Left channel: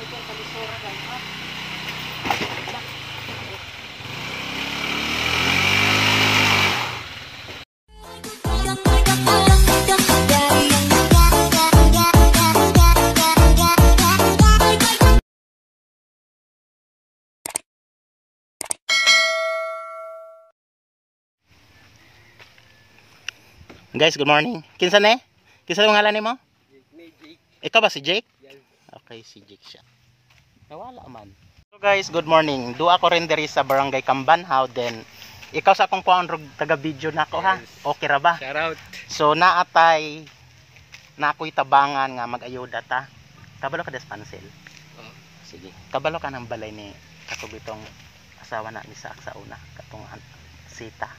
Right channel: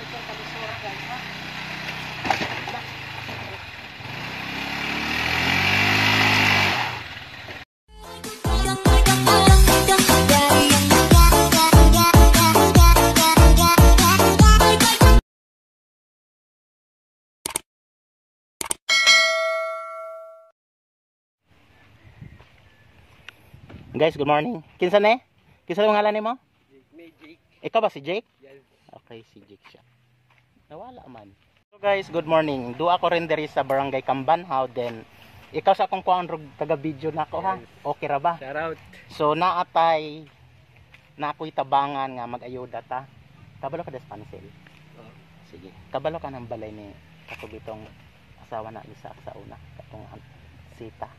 Guys, good morning. Kinsa ne? Kinsa ang ngalan nimo? Ikaw ba si Jake? Okay, si Jake siya. Nawala man. So guys, good morning. Duha ko rin diri sa Barangay Kambanhaw, then ikaw sa akong kuan rog taga video nako ha. Okay ra ba? Shout out. So naatay na ako'y tabangan nga mag-ayuda ta. Kabalo ka des pansel. Oh. Sige. Kabalo ka ng balay ni katubitong asawa na ni sa una katong Sita.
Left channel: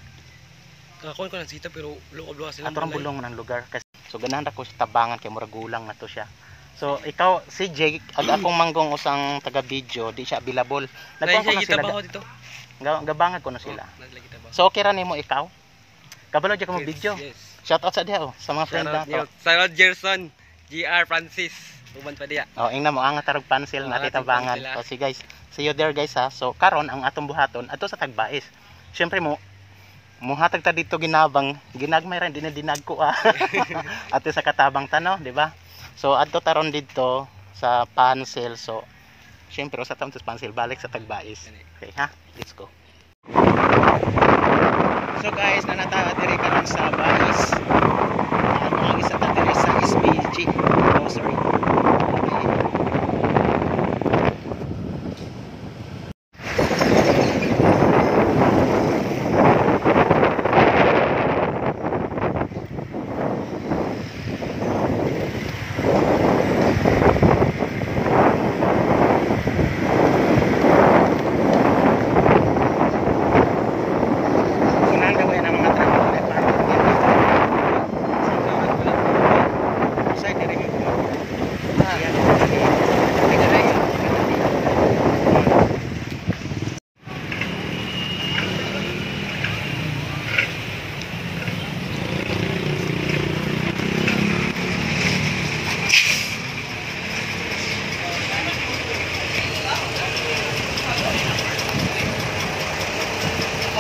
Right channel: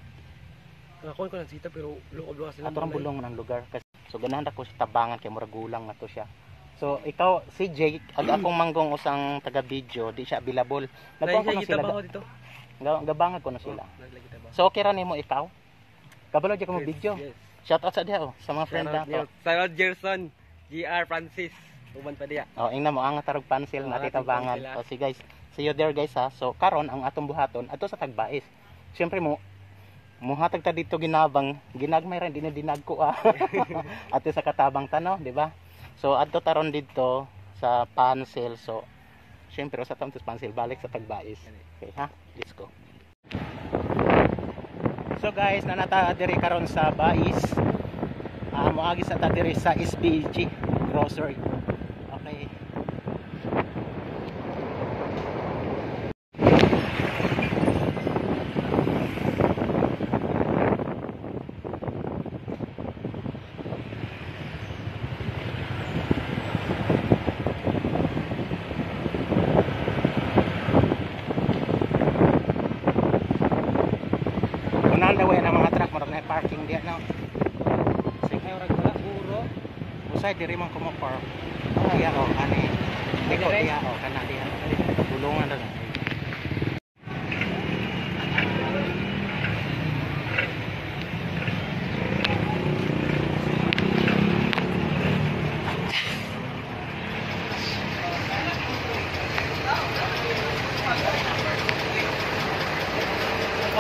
Kakakuan ko ng sita pero luob-luwa sila. Ato ang bulong ng lugar kasi so ganahan ako sa tabangan kay murag gulang na to siya. So ikaw si Jake ag akong manggong usang taga video di siya available. Nagkuha ko na sila dito. Gabangag ko na sila. Oh, so okay ra nimo ikaw? Kabalo jud ka mo video. Yes. Shout out sa diha sa mga friend nato. Shout out Gerson, GR Francis, uban pa diya. Oh, ingna mo ang tarog pansil na titabangan. O si guys, see you there guys ha. So karon ang atong buhaton ato sa Tagbais. Syempre mo muhatag ta dito ginabang ginagmay rin dinag ko ato sa katabang tano, di ba? So adto taron dito sa Pansel. So syempre sa tamtos Pansel balik sa Tagbais. Okay ha, let's go. So guys, nanata diri karon sa Bais. Mga isa ta diri sa SPG. Oh sorry. Okay.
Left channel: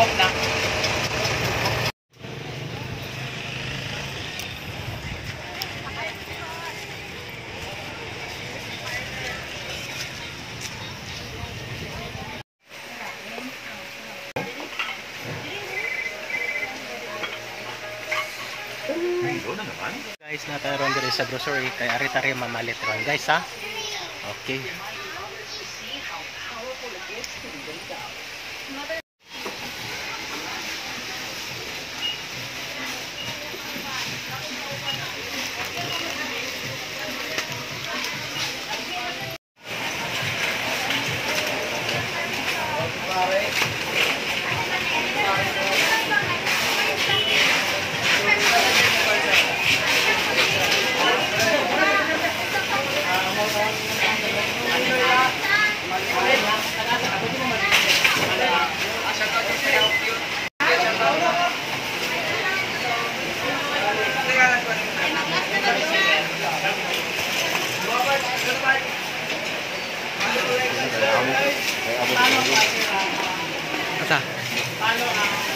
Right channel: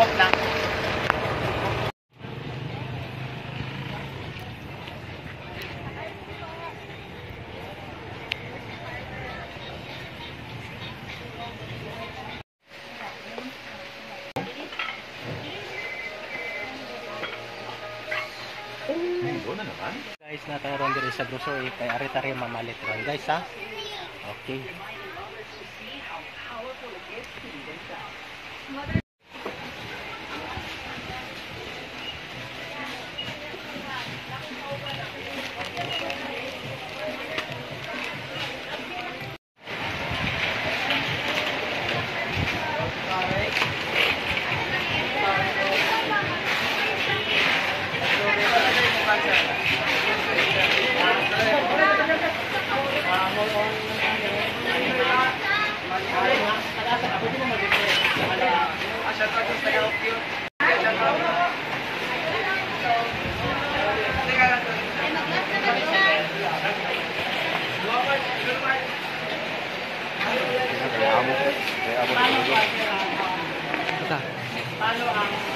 Off na. Guys, nataron diri sa grocery kay ari-tari mamalit ron guys ha. Okay.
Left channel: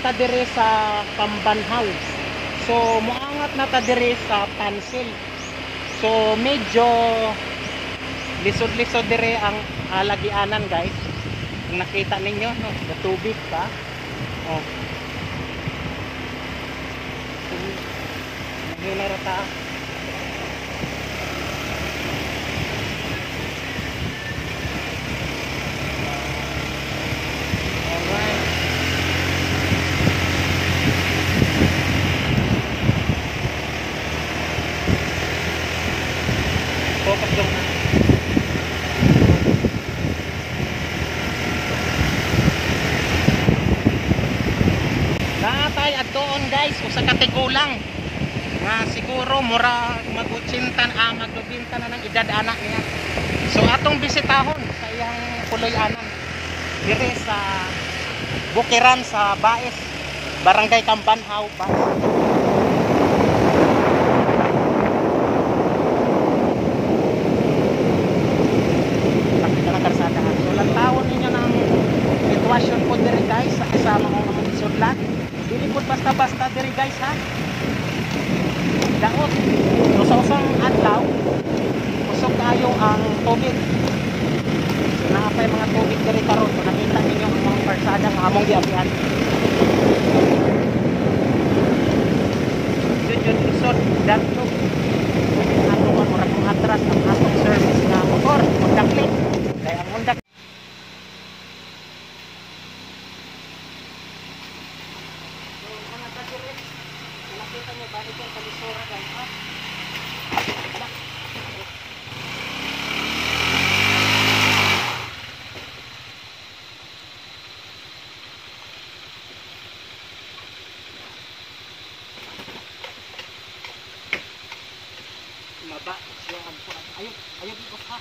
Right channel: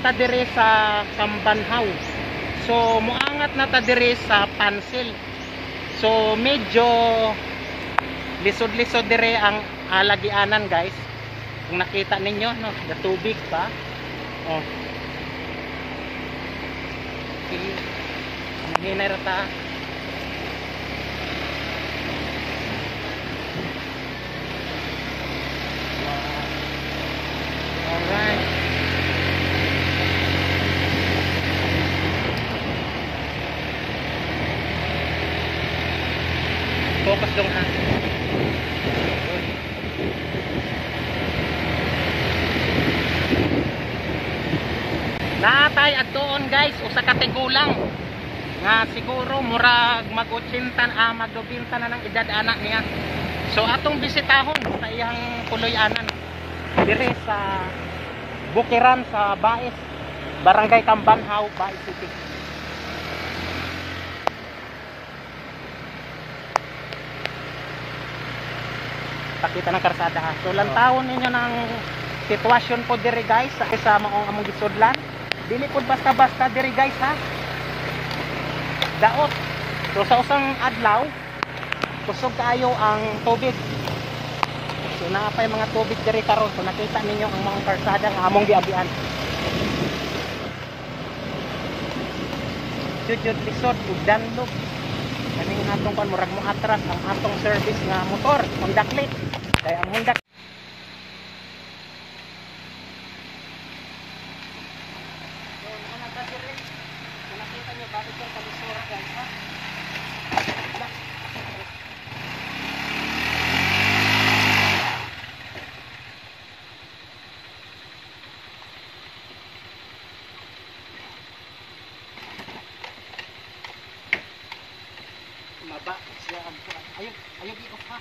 Ta dire sa Kambanhaw. So muangat na ta dire sa Pansel. So medyo lisod-lisod dire ang alagianan guys. Kung nakita ninyo no, tubig pa. Oh. Sige. Hinay ra ta. Alright. Focus dong ha. Natay adtoon guys usa ka tigulang nga siguro murag mag-80 mag-90 na ng edad anak niya. So atong bisitahon sa iyang puloy-anan dire sa Bukiran sa Bais, Barangay Kambanhaw, Bais. ng karsada. So lantawon ninyo ng sitwasyon po diri guys sa kasama kong among isudlan. Dili po basta-basta diri guys ha. Daot. So sa usang adlaw, usok kayo ang tubig. So naa kay mga tubig diri karon. So makita ninyo ang mga karsada nga among giabian. Yung resort, yung damlog yung atong murag mong atras ang atong service na motor Honda Click kaya ang Honda so mga kadirin nakita nyo bakit yung kalisura guys ha maba siya ang kuan. Ayun ikot ha.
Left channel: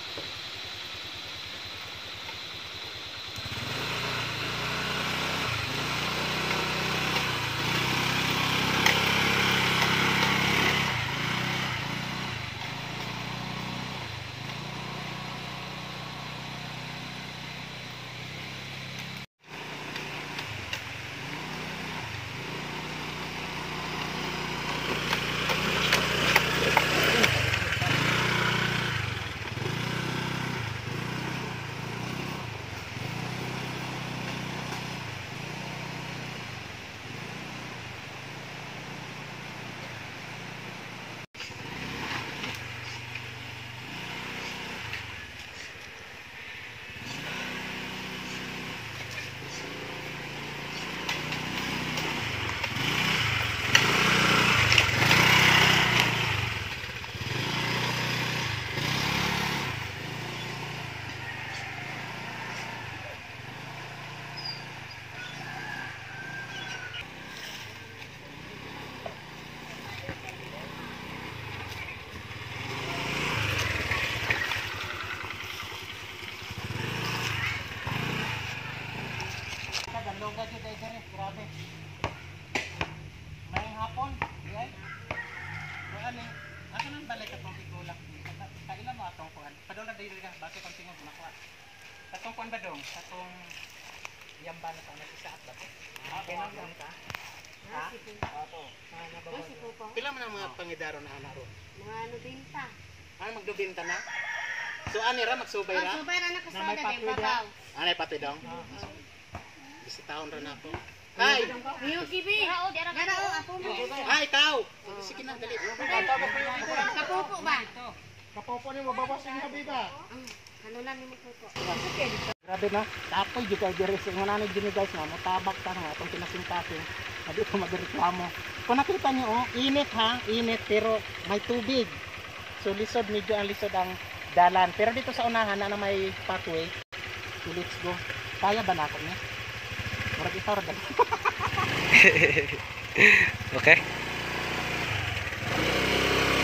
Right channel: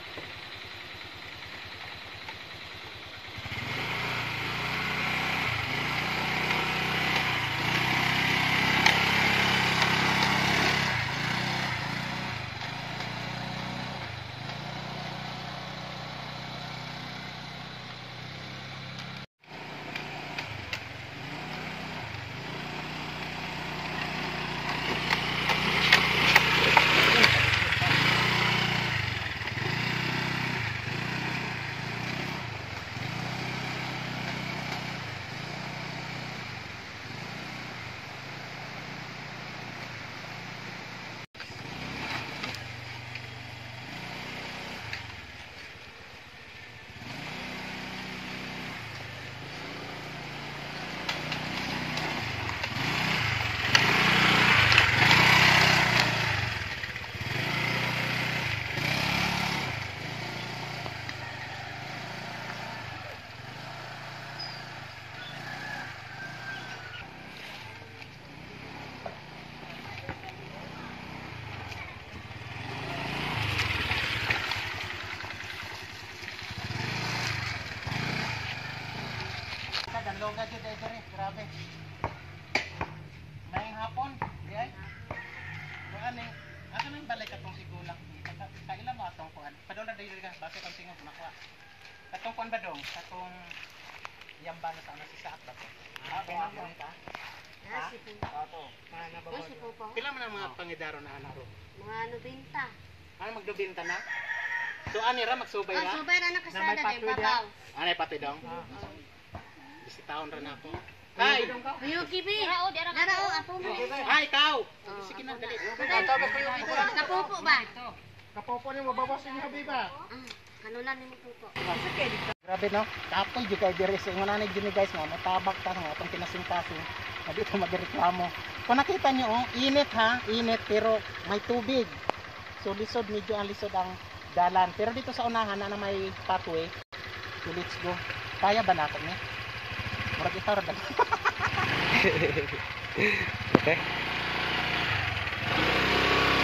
Loga jud ay dire, grabe. May hapon, di ay. Kuan ni, asa nang balay ka tong sigulak ni? Kaila mo atong kuan. Padong na diri ka, bakit ang tingog nakuha. Katong kuan ba dong? Katong yamba na sa si saat ba? Pinang ta. Ha? Ato. Pila man ang mga pangidaro na anaro? Mga ano binta. Ano magdubinta na? So ani ra magsubay ra? Subay ra na kasada din babaw. Anay pati dong. Taon ra na ako. Ay, Yuki bi. Dara o apo mo. ay ikaw. Sige na dali. Kapupo ba? Kapopo ni mabawas ni Habiba. Kanulan ni mo pupo. Grabe no. Tapoy jud kay diri sa mga nanay dinhi guys nga matabak ta nga atong pinasingkasin. Hindi ko magreklamo. Kung nakita niyo oh, init ha, init pero may tubig. So lisod medyo ang lisod ang dalan. Pero dito sa unahan na may pathway. So let's go. Kaya ba na ako ni? Murag ito rin. Okay.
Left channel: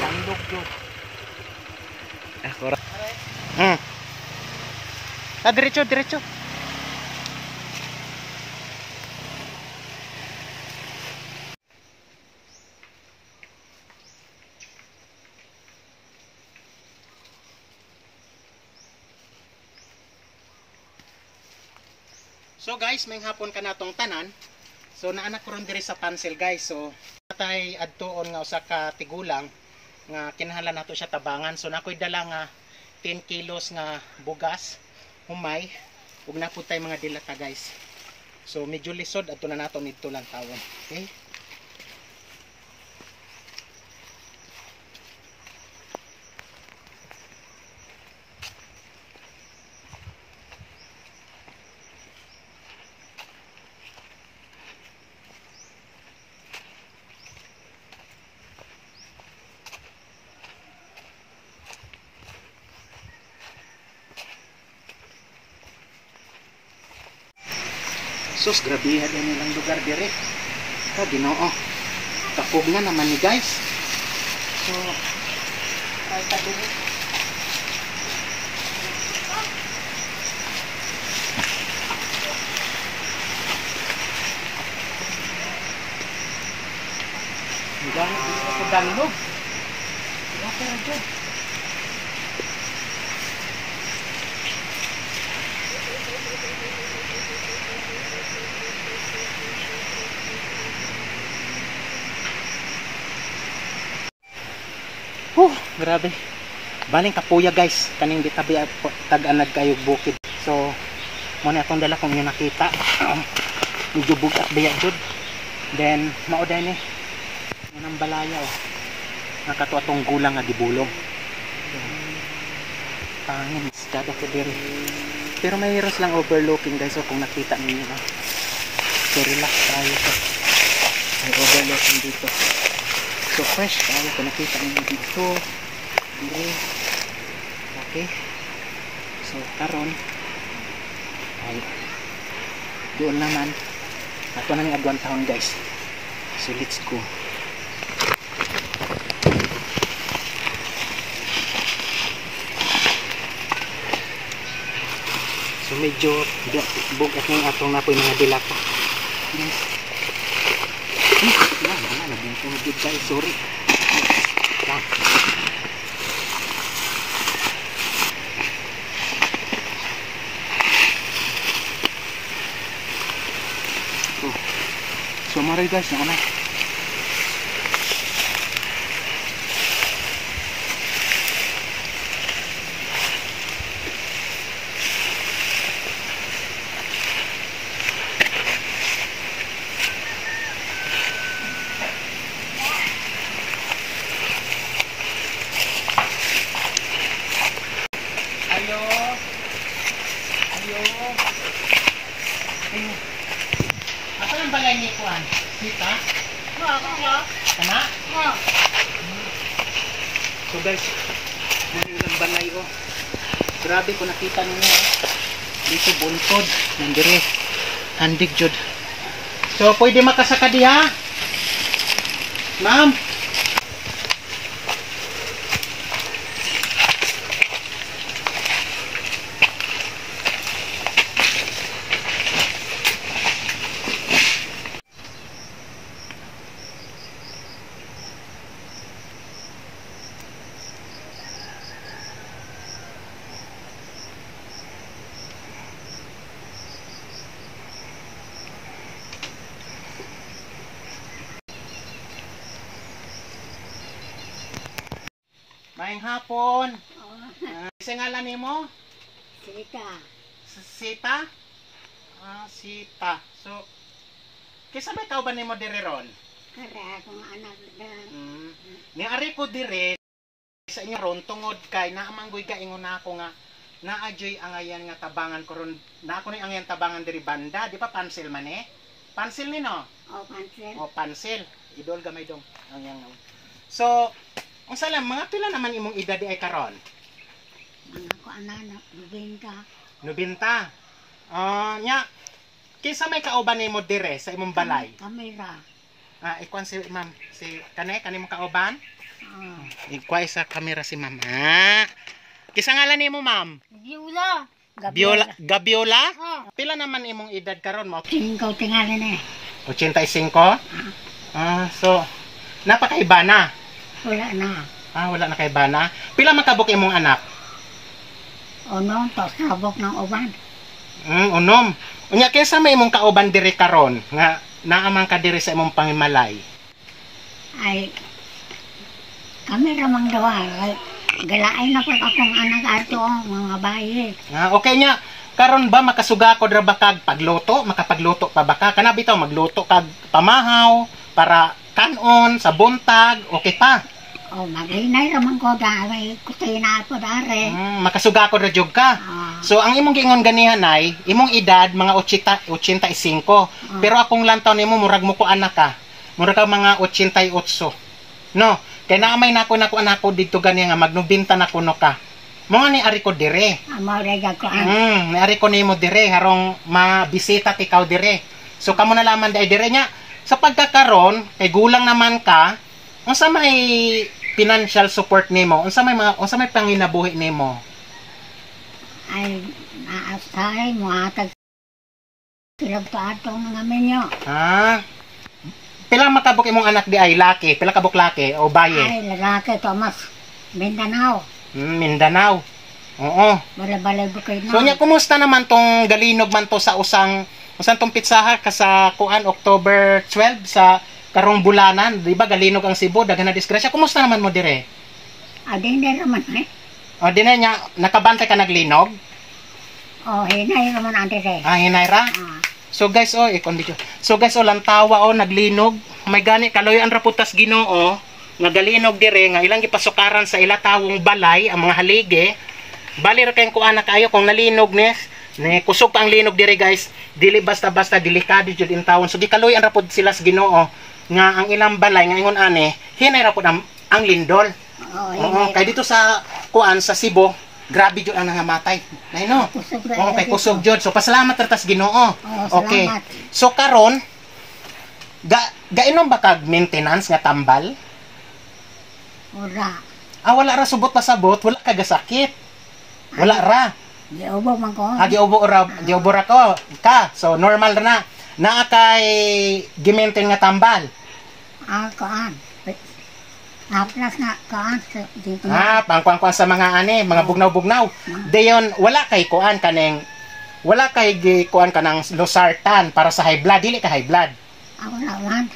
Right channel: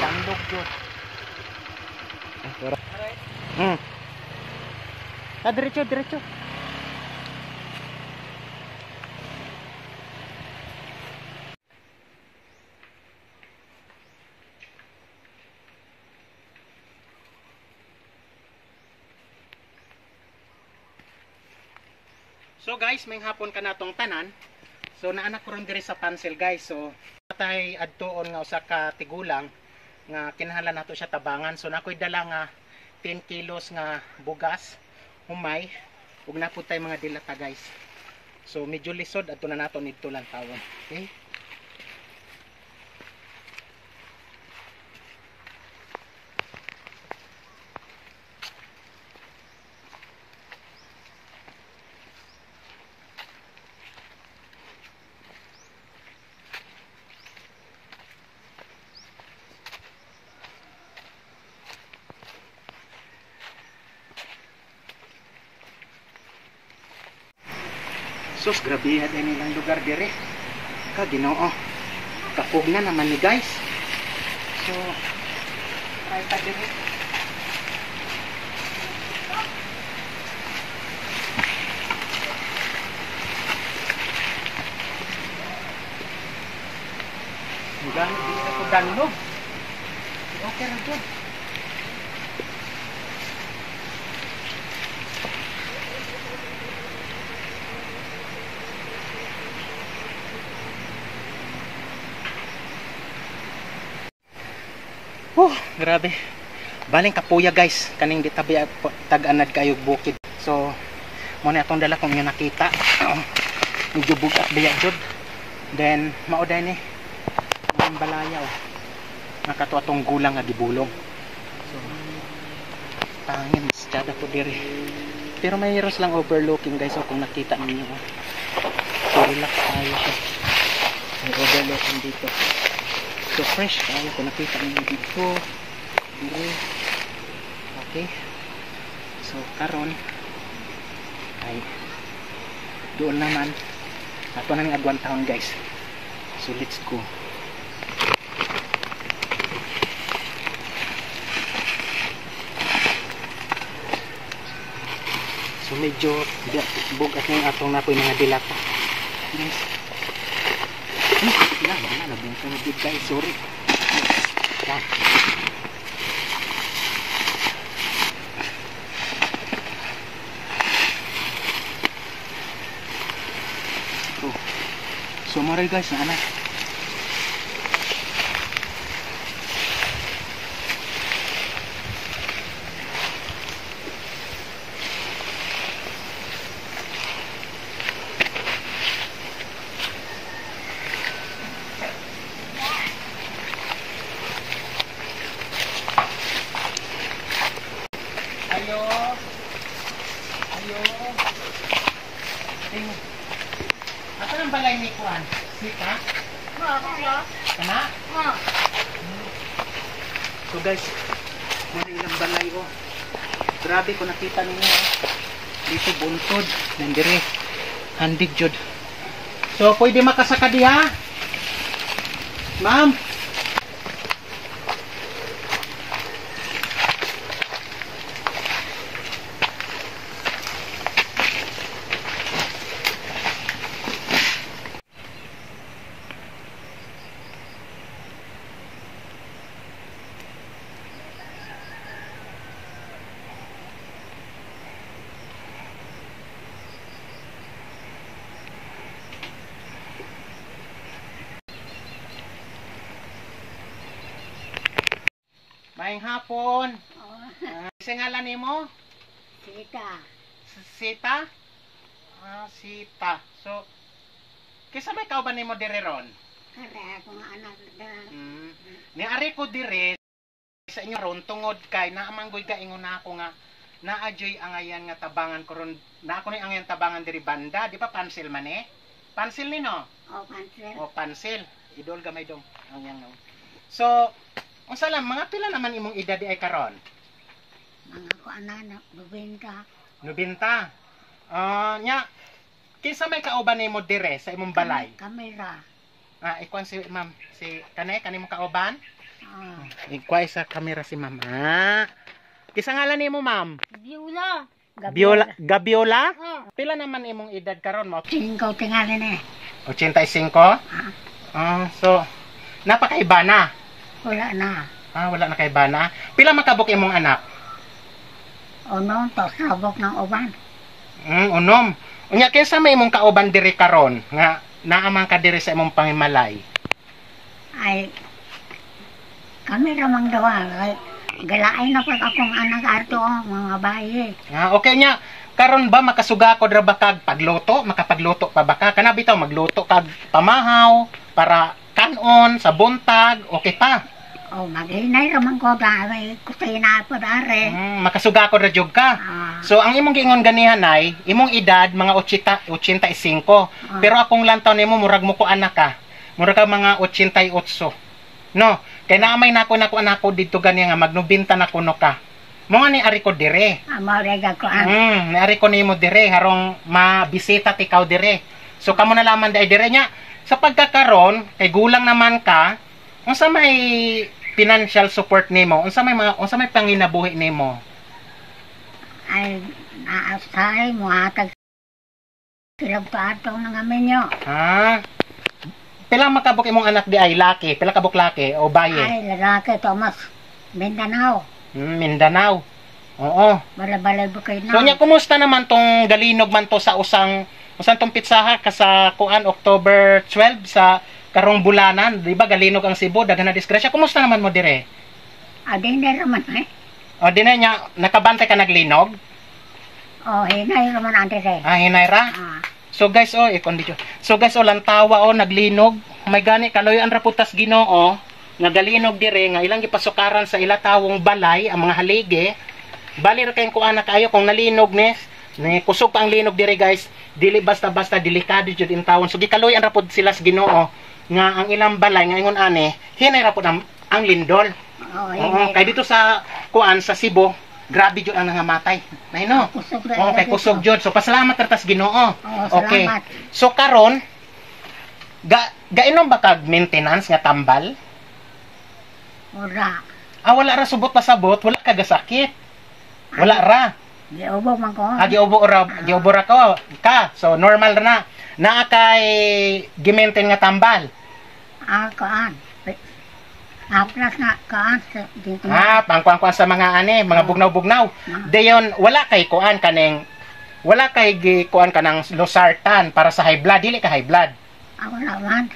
Tandog yun. Ako ra. Diretso, diretso. So guys, may hapon ka natong tanan. So naanak ko rin diri sa Pansel guys. So natay adtuon nga usa ka tigulang nga kinahanglan nato siya tabangan. So nakoy dala nga 10 kilos nga bugas, humay, ug napud tay mga dilata guys. So medyo lisod adto na nato nidto lang tawon. Okay? Sus, grabe yan nilang lugar dire. Ka Ginoo. Kapug na naman ni guys. So, try ta dire. Gano di ako danlog. Okay ra jud. Grabe. Baling kapuya guys, kaning gitabi tag-anad kayo bukid. So mo na atong dala kung inyo nakita. Medyo bugat biya jud. Then mao day ni ang balaya nakatuwa tong gulang nga gibulong. So tangin kada ko diri. Pero may heroes lang overlooking guys, so kung nakita niyo so relax tayo. May overlooking dito. So fresh tayo kung nakita niyo dito. Diri. Okay. So karon ay doon naman ato na ng agwan taon guys. So let's go. So medyo bugat ng atong napoy mga dilata. Yes. Yan, nabungkong good guys, sorry. Yan. So maray guys, na anak. Ayo. Apa ang balay ni Kuan? Sita? Tama? So guys, muna ilang balay oh. Grabe ko nakita ninyo dito buntod. Nandiri. Handig jud. So pwede makasaka diha? Ma'am? Maayong hapon. Isa ngalan nimo? Sita. Sita? Sita. So, kisa may kauban nimo dire ron? Kara akong anak na. Ni ari ko dire sa inyo ron tungod kay naamanggoy ka ingon na ako nga naadyoy angayan nga tabangan ko ron. Na ako ni angayan tabangan diri banda, di pa pansil man eh? Pansil ni no? Pansil. Pansil. Idol gamay dong. Ang yang. So, unsa lang mga pila naman imong edad di ay karon? Mga ko anak, 90. 90. Nya kinsa may kauban nimo dire sa imong balay? Kamera. Ikuan si ma'am, si kani mo kauban? Oh. Ikuan sa camera si ma'am. Kinsa ngalan nimo ma'am? Biola. Gabiola? Oh. Pila naman imong edad karon mo? Tingkaw tingali na 85? So napakaiba na. Wala na. Wala na kay bana. Pila makabuk imong anak? Unom, to sabok ng uban. Unom. Unya kinsa may imong kauban diri karon nga naaman ka diri sa imong pangimalay? Ay, kami ramang dawa. Galaay na pag akong anak ato, mga bayi. Okay nya. Karon ba makasuga ko dra ba kag pagluto? Makapagluto pa ba ka? Kana bitaw magluto kag pamahaw para kanon sa buntag, okay pa? Maghinay ramang ko ba, may kusina po dare. Makasuga ko ra jud ka. So ang imong giingon ganihan ay imong edad mga 85. Pero akong lantaw nimo murag mo ko anak ka. Murag ka mga 88. No, kay naamay nako anako didto gani nga magnubinta na kuno ka. Mo nga ni ari ko dire. Maurega ko ni ari ko nimo dire harong mabisita ti ikaw dire. So kamo na laman dai dire nya sa pagkakaron kay gulang naman ka, unsa may financial support nimo? Unsa may panginabuhi nimo? Ay naatay mo atag kilab ka atong nangamin nyo. Pila makabuk imong anak di ay laki? Pila kabuk laki o baye? Ay lalaki Thomas Mindanao. Mindanao. Oo. Balay-balay bukay na. So nya kumusta naman tong galinog man to sa usang tong pitsaha ka sa kuan October 12 sa karong bulanan, di ba galinog ang Cebu, daghan na disgrasya. Kumusta naman mo dire? Dinner naman eh. O, di na niya, nakabantay ka naglinog? Hinay naman ang dire. Hinay ra? So guys, i-condition. So guys, lantawa, naglinog. May gani, kaloy ang raputas Ginoo, nagalinog dire, nga ilang gipasukaran sa ilatawong balay, ang mga haligi. Bali ra kayong kuana kayo, kung nalinog ne kusog pa ang linog dire guys, dili basta-basta, delikado jud in tawon. So gikaloy ang rapod sila sa Ginoo, nga ang ilang balay, nga ingon ane, hinay rapod ang lindol. Kay dito sa kuan sa Cebu, grabe jud ang nangamatay. Nay no. Kay kusog jud. So pasalamat tas Ginoo. Okay. So karon gainom ba kag maintenance nga tambal? Ora. Wala ra subot pasabot, wala ka gasakit. Wala ra. Giubo man ko. Giubo ra ka. So normal ra na. Naa kay gi-maintain nga tambal. Kuan. Plus nga kuan dito. Pangkuan sa mga mga bugnaw-bugnaw. Dayon wala kay kuan kaneng wala kay kuan kanang losartan para sa high blood, dili ka high blood. Wala man.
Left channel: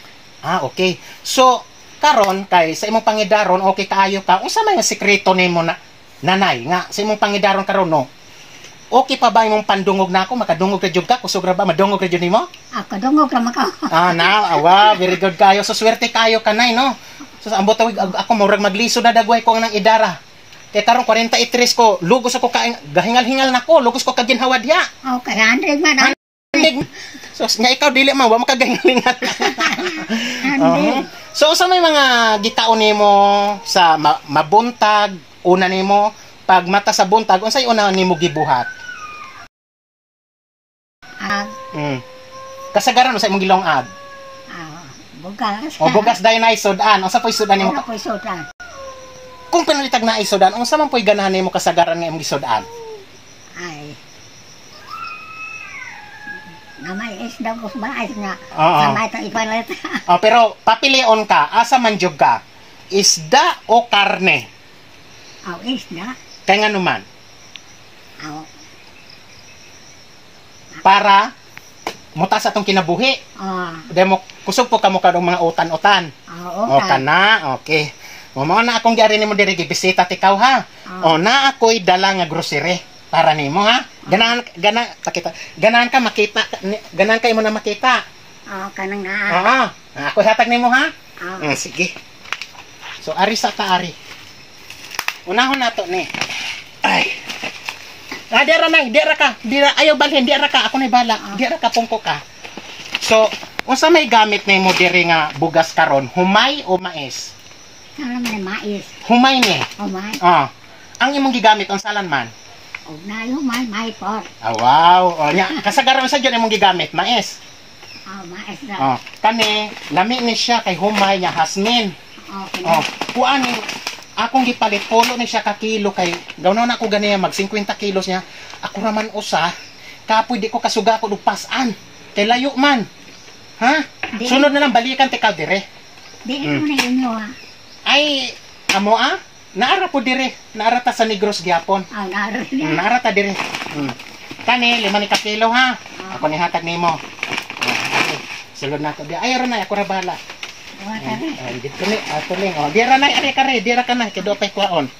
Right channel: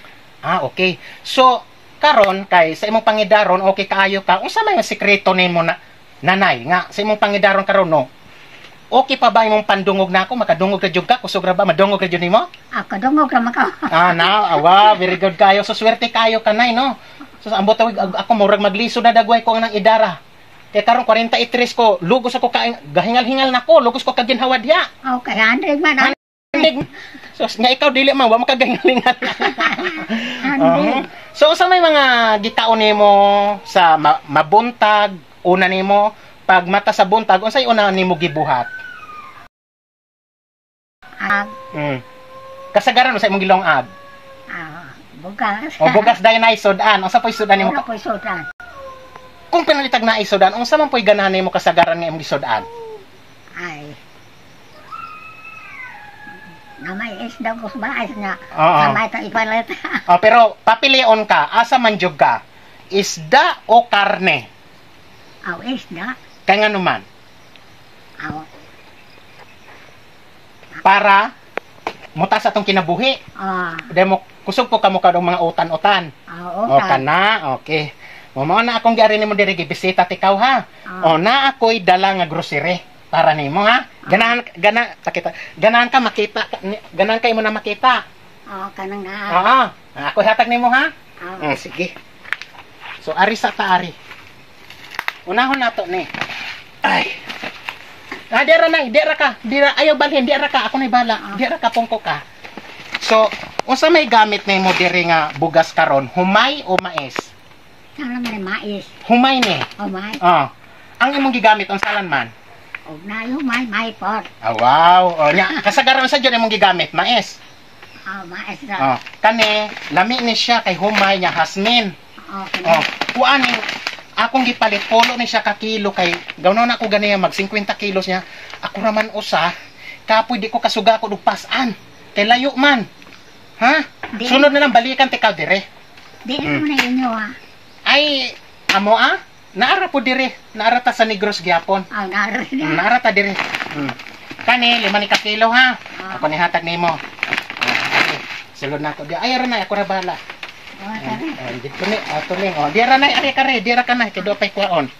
Okay. So karon kay sa imong pangidaron okay kaayo ka. Unsa may nga sekreto nimo na nanay nga sa imong pangidaron karon no? Okay pa ba imong pandungog nako? Makadungog ka jud ka? Kusog ra ba madungog ka jud nimo? Kadungog ra maka. Wow, very good kayo. So swerte kayo kanay no. So sa ambot tawig ako murag magliso na dagway ko nang idara. Kay karon 43 ko, lugos ako gahingal-hingal nako, lugos ko kaginhawa diha. Okay, 100 man. So nga ikaw dili man wa mo kagahingal-hingal. So sa may mga gitaon nimo sa mabuntag, una nimo pag mata sa buntag, unsay una nimo gibuhat? Kasagaran sa imong gilongag. Bugas. Bugas dayon na isudan. Unsa poy sudan nimo? Poy sudan. Kung pinalitag na isudan, unsa man poy ganahan nimo kasagaran nga imong gisudan? Namay isda ko sa nga. Namay ta ipalit. Pero papilion ka, asa man jud ka? Isda o karne? Isda. Kay nga naman? Para mutas atong kinabuhi. Demo kusog po kamo kadong mga utan-utan. Kana, okay. Mo na akong giari nimo diri gibisita tikaw ha. Na ako'y dala nga grocery para nimo ha. Ganahan ka makita, ganahan kay mo na makita. Kanang nga. Ako'y hatag nimo ha. Sige. So ari sa taari. Unahon nato ni. Ay. Dira na, dira ka. Dira ayaw balhin, dira ka. Ako na bala. Dira ka pungko ka. So, unsa may gamit nimo diri nga bugas karon? Humay o mais? Sala man mais. Humay ni. Humay. Ang imong gigamit unsalan man? Na humay pot. Wow. Nya kasagaran sa jud imong gigamit mais. Mais ra. Kani lami ni siya kay humay nya hasmin. Kuani akong gipalit polo ni siya ka kilo kay gawnon ako ganiya mag 50 kilos niya. Ako raman usa kapoy di ko kasuga ko dupasan. Kay layo man. Ha? Sunod na lang balikan tikaw dire. Di mo na inyo Ay amo naara po dire. Naara ta sa Negros gyapon. Naara ta dire. Kani 5 ni ka kilo ha. Ako ni hatag nimo. Sulod na to. Ay ra na ako ra bala. Dito ni ato ni. Dira na ari kare, dira ka na kay do pay kuaon.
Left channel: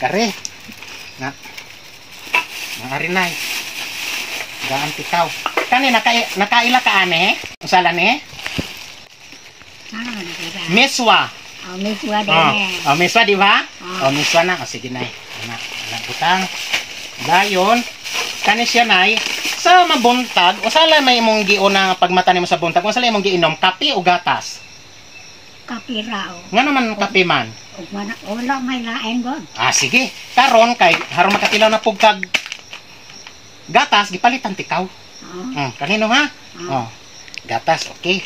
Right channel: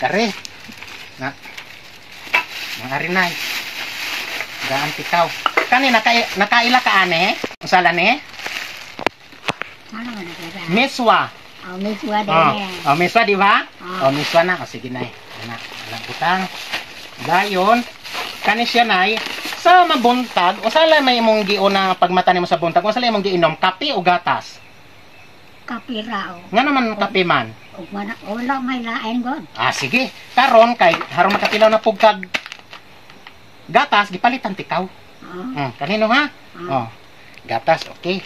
Kare. Na. Ari na. Gaan tikaw. Kani nakaila ka ane? Usala ni? Miswa. Miswa din. Miswa di ba? Miswa na. Sige na. Anak butang. Dayon, kani siya nay sa mabuntag, usala may imong giuna pagmata nimo sa buntag, usala imong giinom kape o gatas? Kape raw. Nga naman kape man? Wala may lain god. Sige. Karon kay harong makatilaw na pugkag gatas gipalitan tikaw. Kanino ha? Gatas, okay.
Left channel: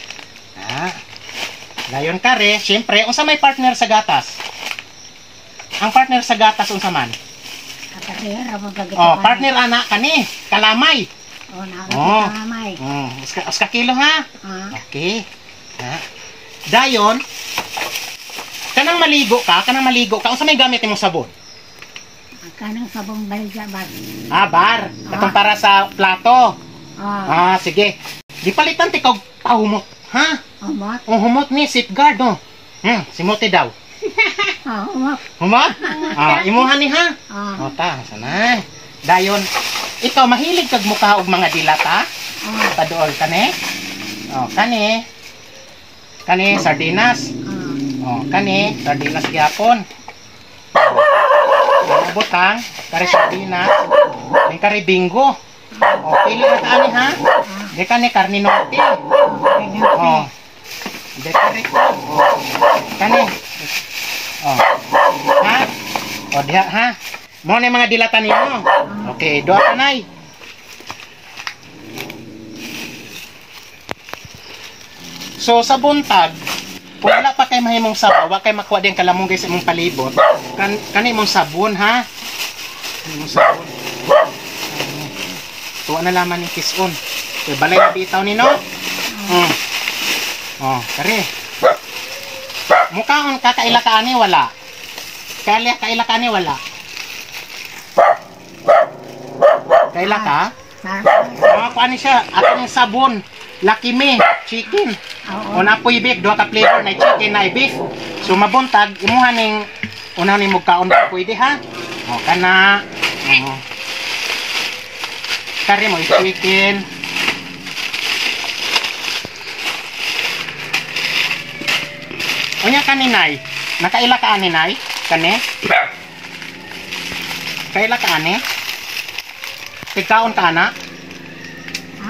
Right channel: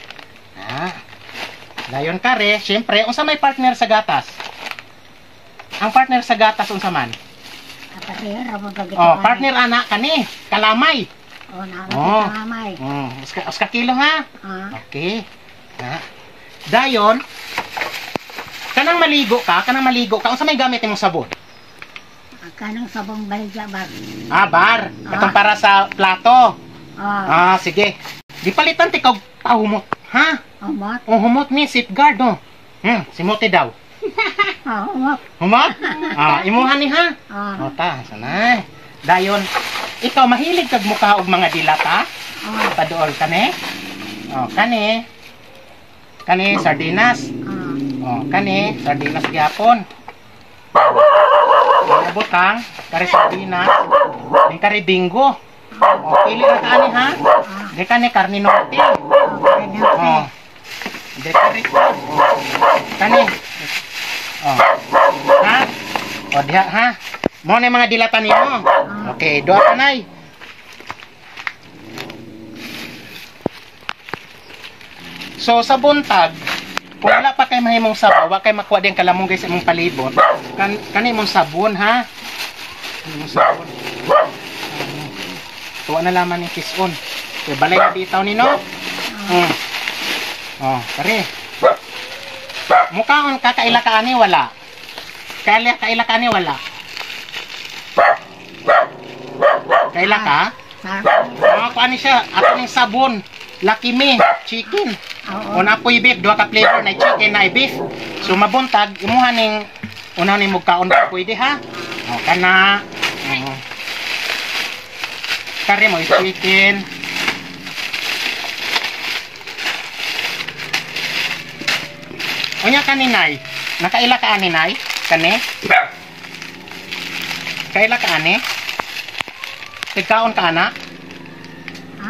Dayon kare, syempre, unsa may partner sa gatas? Ang partner sa gatas unsa man? Partner ana kani, kalamay. Kalamay. Uska kilo ha? Okay. Dayon, kanang maligo ka, unsa may gamit imong sabon? Kanang sabong balya bar. Bar. Katong para sa plato. Sige. Di palitan tikaw pahumot, ha? Umot. Oh, humot ni safeguard no. Si Mote daw. Umot. Humot? Imuhan ni ha. Oh. O ta, sanay. Dayon, ikaw mahilig kag mukha og mga dilata? Paduol kani? O, kani. Kani sardinas. O, kani sardinas gyapon. Ang butang, kari sardinas, ning kari bingo. O, pili na kaani ha. Di kani karni norte. O. Di kari. Kani. O. Ha? O, diha ha. Mo na mga dilata nimo. Okay, doa ka nay. So sa buntag, kung wala pa kay mahimong sabaw, wa kay makuha din kalamong guys imong palibot. Kani imong sabon ha. Imong sabon. Tuwa na laman ni kison. Kay balay na bitaw ni no. Oh, kare. Mukhaon kakaila ka ani wala. Kaila ka ani wala. Kaila ka? Ako ani siya, ako ng sabon. Lucky Me, chicken. O napoy beef, duha ka flavor na chicken na beef. So mabuntag, imuha ning unahan ning mugkaon pa pwede ha. O kana. Kare mo chicken. Onya kaninay. Nakaila ka ani nay? Kani? Kaila ka ani? Tigkaon ka na?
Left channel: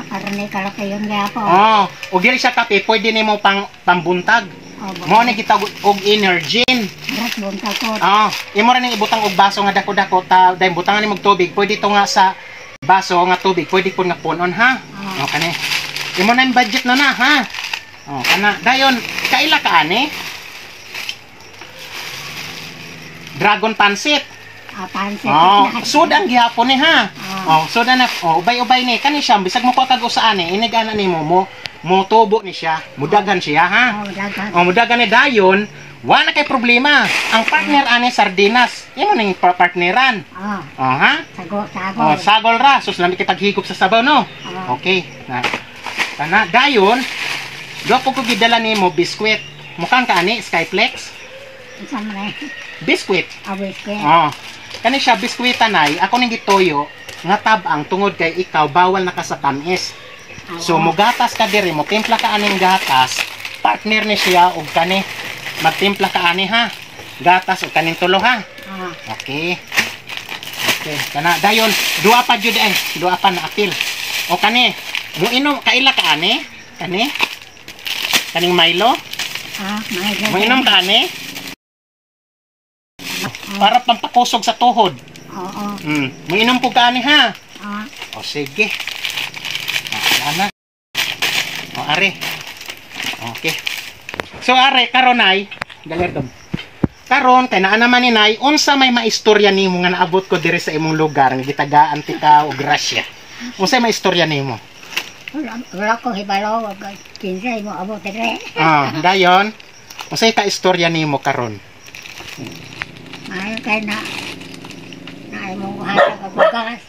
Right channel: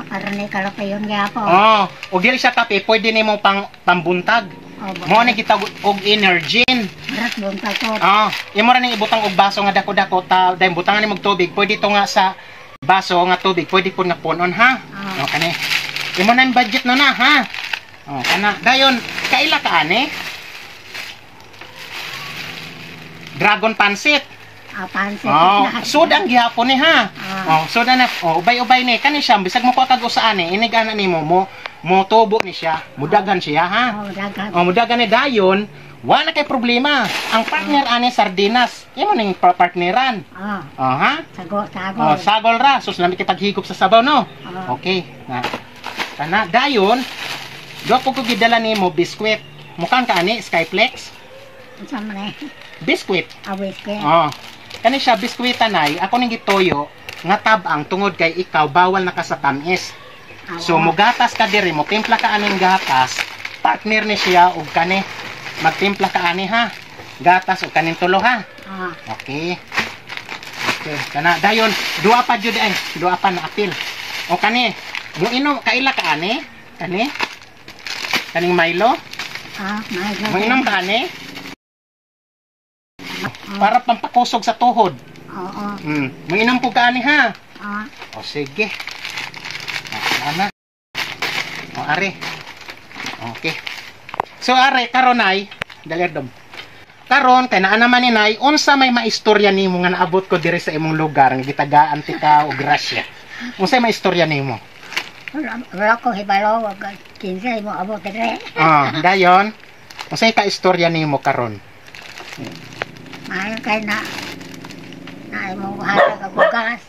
Para ni kalaki yung gapo. Og dili siya kape, pwede nimo pambuntag. Mo ni kita og energen. Marat buntag ko. Imo ra ning ibutang og baso nga dako-dako ta, dahil butangan nimo og tubig, pwede to nga sa baso nga tubig, pwede pud nga punon ha. Kani. Imo na yung budget na ha. Kana dayon kaila ka ani? Dragon pancit. Pansit. Soda ang gihapon ni ha. Soda na. Ubay-ubay ni kani siya bisag mo kuha kag usaan ni inigana nimo mo tubo ni siya. Mudagan siya ha. Mudagan ni dayon, wala kay problema. Ang partner ani sardinas. Imo ning partneran. Ha? Sagol. Sagol ra. Sus lami kay paghigop sa sabaw no. Okay. Kana dayon, do ko gidala nimo biskwit. Mukhang ka ani Skyflex. Samre. Biskwit. Biskwit. Kani siya biskwita nay, ako ning gitoyo nga tabang tungod kay ikaw bawal na ka sa tamis. So mugatas ka diri mo, timpla ka aning gatas, partner ni siya og kani magtimpla ka ani ha. Gatas og kaning tulo ha. Okay. Kana dayon duha pa jud duha pa na apil. O kani, mo inom kaila ka ani? Kani? Kaning Milo? Milo. Mo inom ka ani? Para pampakusog sa tuhod. Manginom po ka ani ha. Sige. Sana. Are. Okay. So are karon ay dalerdom. Karon kay naa naman ni nay unsa may maistorya nimo nga naabot ko diri sa imong lugar nga gitagaan ti ka og grasya. Unsa may istorya nimo? Wala ko hibalo wag kinsa mo abot diri. Dayon. Unsa ka istorya nimo karon? Ay kay na mo hatag ang bugas.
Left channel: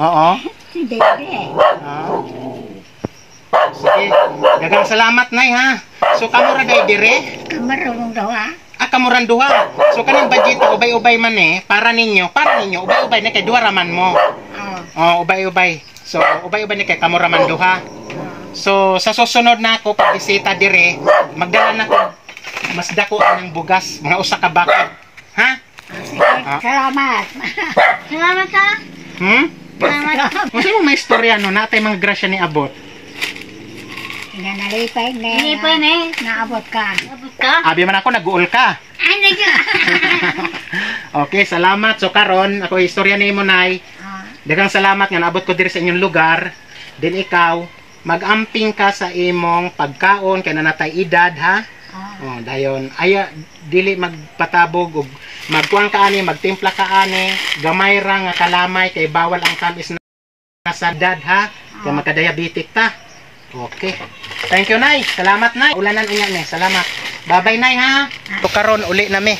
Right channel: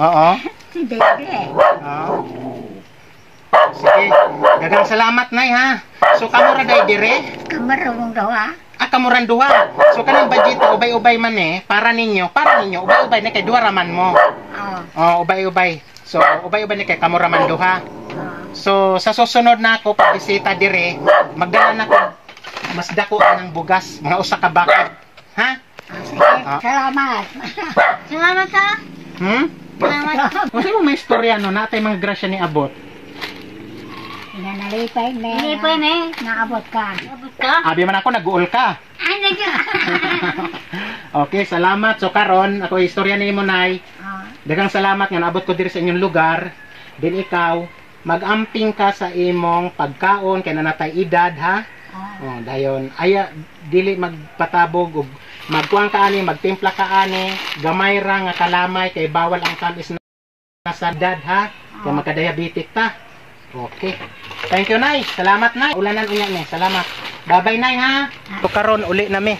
Oo. Si Dede. Sige, daghang salamat nay ha. So kamo ra day dire? Kamarong dawa. Kamuran duha. So kaning budget ubay-ubay man para ninyo ubay-ubay na kay duha ra man mo. Ubay-ubay. So ubay-ubay na kay kamura man duha. So sa susunod na ako pag bisita dire, magdala na ko mas dako ng bugas, mga usa ka bakod. Ha? Salamat. Salamat ka. Salamat. Unsa mo may istorya no natay mga grasya ni abot? Nalipay ne. Naabot ka. Abi man ako nag-uol ka. Okay, salamat. So karon ako istorya nimo nay. Daghang salamat nga naabot ko diri sa inyong lugar. Din ikaw mag-amping ka sa imong pagkaon kay nanatay edad ha. Dayon aya dili magpatabog og magkuang ka ani, magtimpla ka ani, gamay ra nga kalamay kay bawal ang tamis na sa edad ha. Kay magka-diabetic ta. Okay. Thank you nay. Salamat nay. Ulanan unya ni. Salamat. Bye-bye nay ha. To karon uli na mi.